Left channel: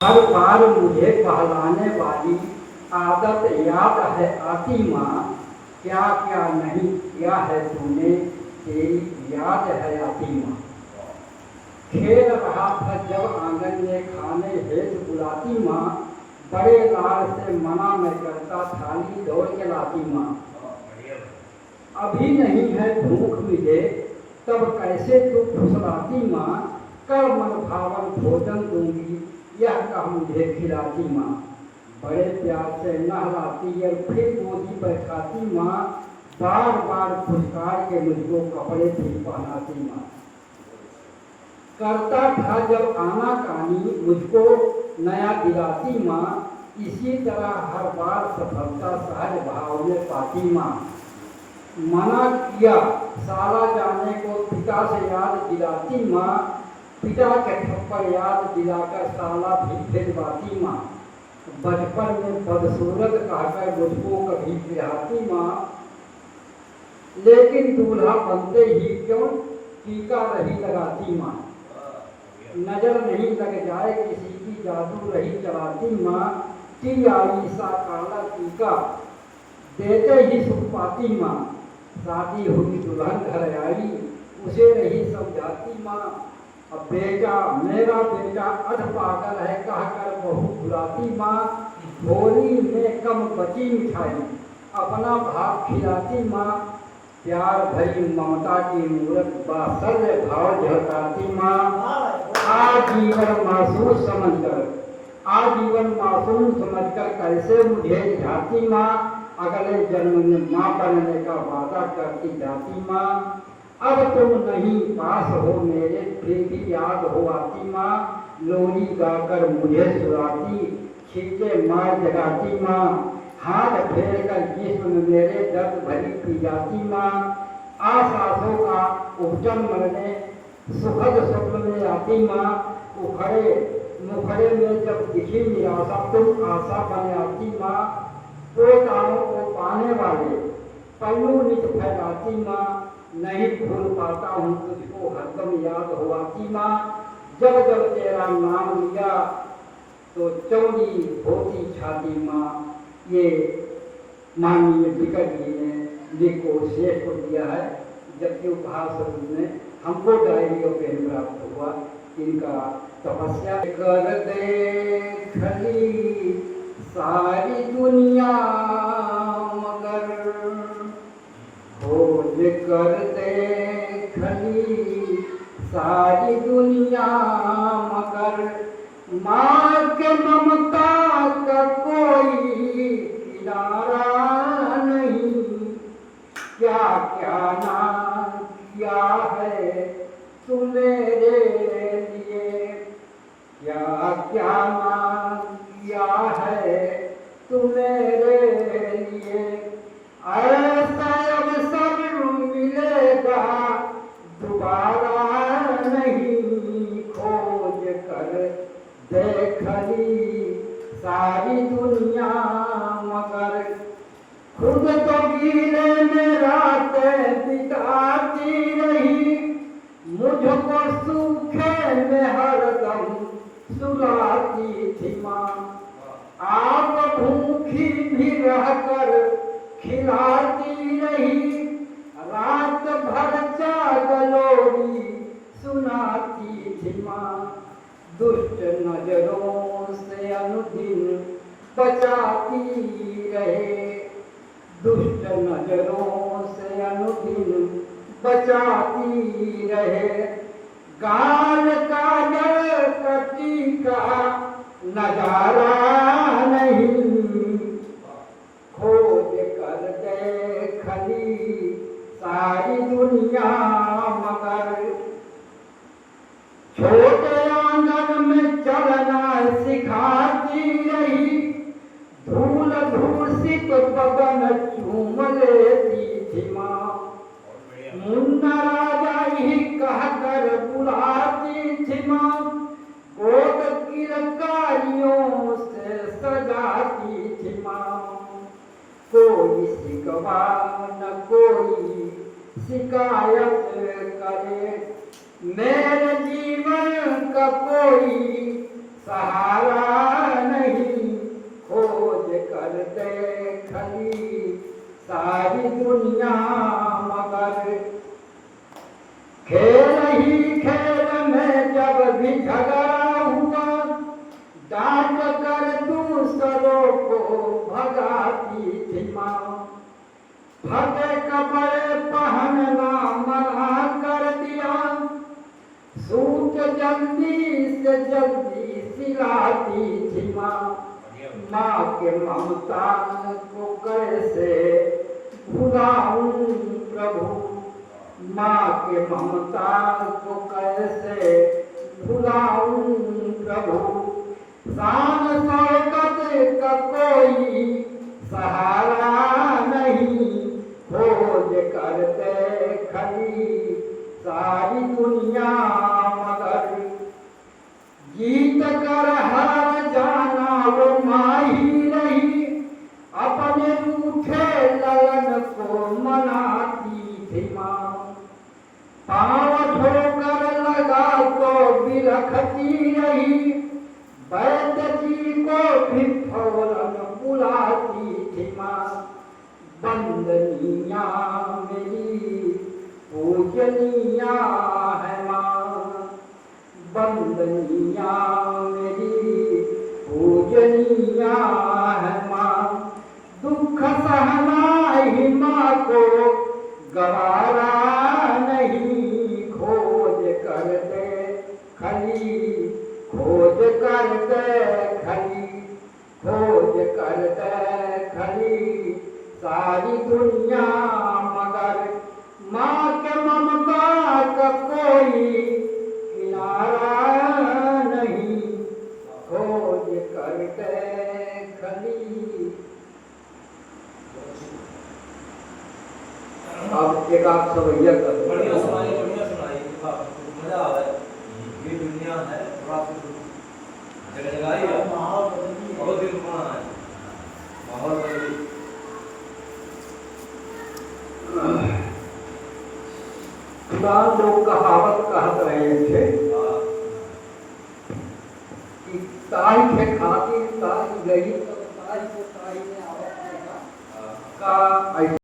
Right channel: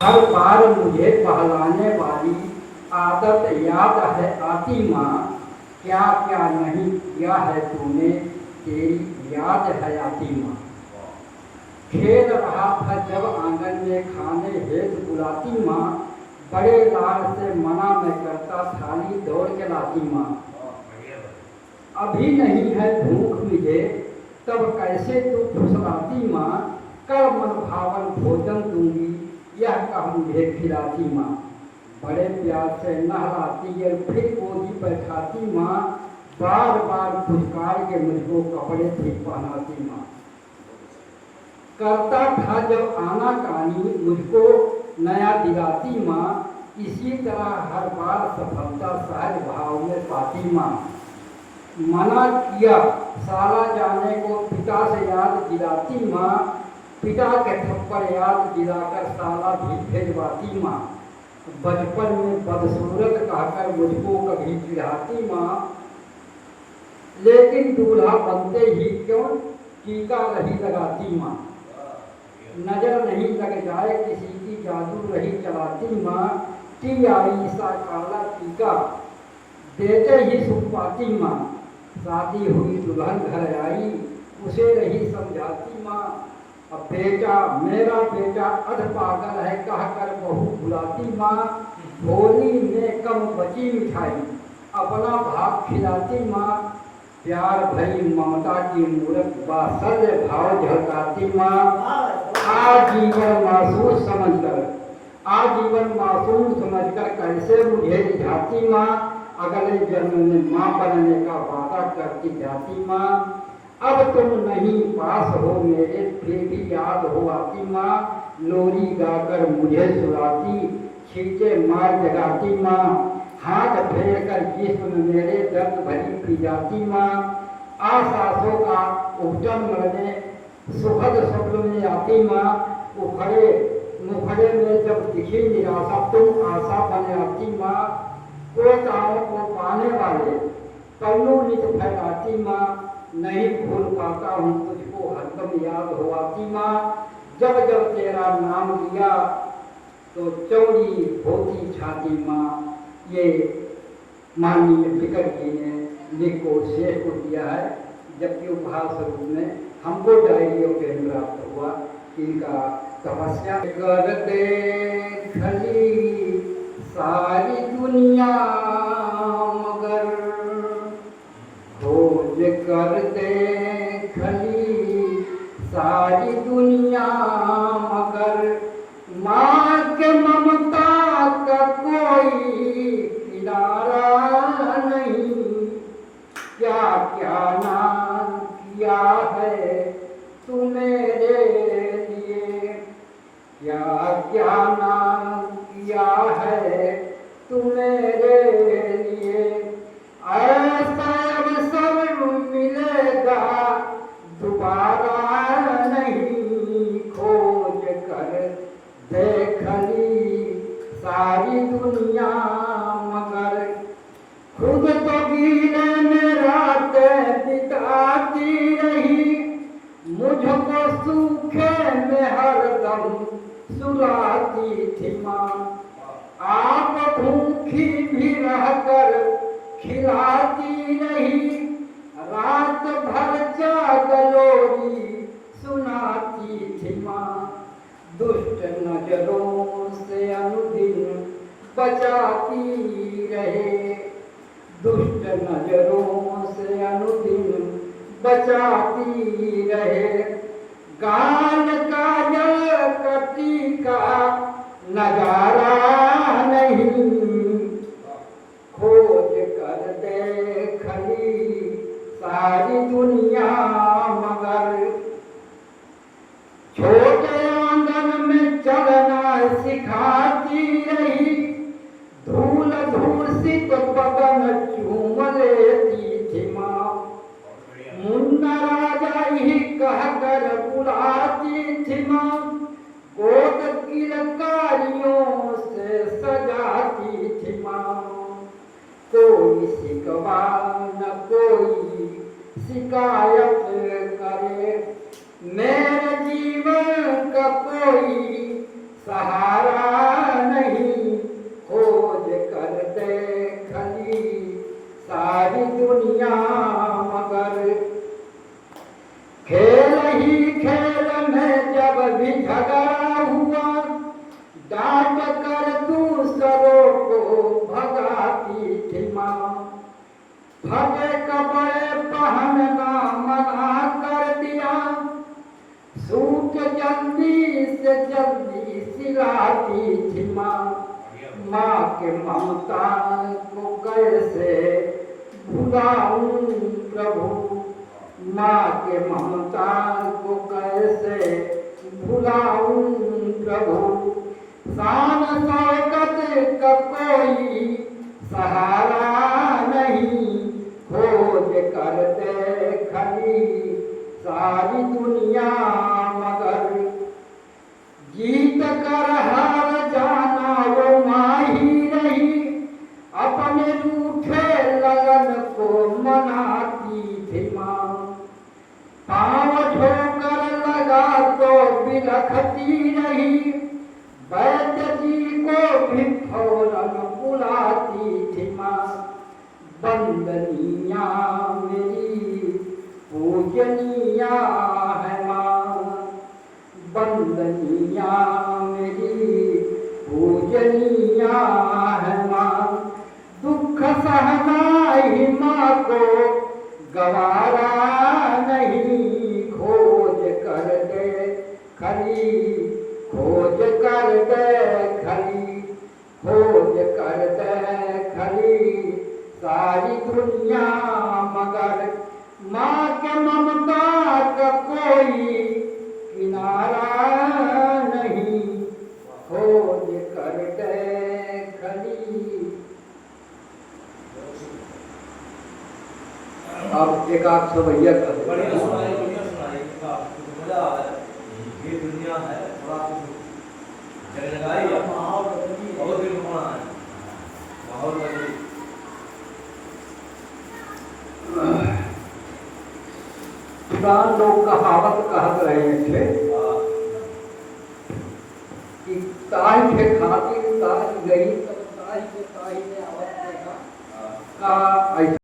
हर बार मुझे बहलाने वाली आदत याद है आती माँ, क्या क्या नहीं किया है तूने, तेरी याद है आती माँ। खेल रहा था जब आंगन में खाने हेतु बुलाती माँ, बड़े लाल से मना मैं करता थाली दौड़ के लाती माँ। अभी नहीं है भूख मुझे तब कैसे तू फुसलाती माँ, कर मन भावन भोजन दूंगी यह कह मुझे खिलाती माँ। बड़े प्यार से नहलाती है फिर गोदी पर खाती माँ, बार बार फुसकार के मुझको कपड़े भी पहनाती माँ। करता था जब आना कानी मुझको नया दिलाती माँ, इसी तरह हर बार सफलता सहज भाव में पाती माँ। मना किया साला जाने को पिता से याद दिलाती माँ, पिता के थप्पड़ याद दिलाकर साला भी भिजवाती माँ। बचपन में बदसूरत कहकर मुझको कभी चिढ़ाती माँ, लेकिन दूल्हा बनते ही क्यों टीका नहीं लगाती माँ। नजर नहीं लग जाए किसी की जादू रही चलाती माँ, टी आई सा काला टीका देते ही सुख पाती माँ। शादी हुई दुल्हन घर आई उसे रही समझाती माँ, अब बेटा मेरा बेटा अध पागल है कहकर बहू बुलाती माँ। होली में कम बची मिठाई अपना भाग खिलाती माँ, प्यार भरी ममता की मूरत बासल्य भाव झलकाती माँ। आजीवन मासूम समझकर कैसे मुझे रिझाती माँ, अगले जन्म में माँ बनने का वादा करती जाती माँ। अब तुम नहीं पास हो मेरे फिर भी याद हो आती माँ, लोरी गाकर मुझे सुलाती छींटे मार जगाती माँ। हाथ फेर कर जिस्म मेरे दर्द भरी पी जाती माँ, आसासों का उपजन मरने सुखद स्वप्न में आती माँ। मुखड़े में जब दिखी निराशा तुम आशा बन आती माँ, पोताओं को पाने वाले पल्लू नित फैलाती माँ। नहीं भूल पाता हूँ तुझको हरदम याद हो आती माँ, जब जब तेरा नाम लिया तो चौड़ी होती छाती माँ। ये माननीय विकट जी ने लिखो शेष को दिया है, जबकि उपहार स्वरूप में हमको डायरियों के प्राप्त हुआ। इनका तपस्या कर देखली सारी दुनिया मगर, खोज कर देखली सारी दुनिया मगर, माँ के ममता का कोई किनारा नहीं। क्या क्या ना किया है तू मेरे लिए, क्या क्या ना किया है तू मेरे लिए। ऐसा अवसर मिलेगा दोबारा नहीं, खोज कर देखली सारी दुनिया मगर, खुद तो गीले में रातें बिताती रही, मुझको सूखे में हरदम सुलाती थी माँ। आप भूखी भी रहकर खिलाती रही, रात भर जागलोरी सुनाती थी माँ। दुष्ट नजरों से अनुदिन बचाती रहे, दुष्ट नजरों से अनुदिन बचाती रहे। गाल का जल कटी का नजारा नहीं, खोज कर देखली सारी दुनिया मगर, छोटे आंगन में चलना सिखाती रही, धूल धूसित बदन चूम लेती थी माँ। मुन्ना राजा ही कहकर बुलाती थी माँ, गोद किलकारियों से सजाती थी माँ। कोई शिकवा न कोई शिकायत करे, मेरे जीवन का कोई सहारा डांट कर दूसरों को भगाती थी माँ, फटे कपड़े पहनना मना कर दिया, सूट जल्दी से जल्दी सिलाती थी माँ। माँ के ममता को कैसे भुलाऊं प्रभु, माँ के ममता को कैसे भुलाऊं प्रभु। शान शौकत का कोई सहारा नहीं, खोज करते खली सारी दुनिया मगर, जीत कर हार जाना वो माँ ही रही, अपने रूठे ललन को मनाती थी माँ। पाँव ठोकर लगा तो बिलखती रही, वैद्य जी को भी फौरन बुलाती थी माँ। बंदनिया मेरी पूजनिया है माँ, बंदनिया मेरी पूजनिया है माँ। दुख सहना ही माँ को गवारा नहीं, खोज कर दे खली, खोज कर दे खली, खोज कर दे खली सारी दुनिया मगर, माँ के ममता का कोई किनारा नहीं, खोज कर दे खली। अब एक आप सवैया कर बढ़िया सुनाई, बढ़िया सुनाई, मजा आ रहा है। ये दुनिया है, थोड़ा जगह है, माहौल बहुत ही रुकना है, माहौल बदली। पुराने लोग कहावत कहत रहे थे कि ताई के खातिर ताई गई तब ताई को ताई ने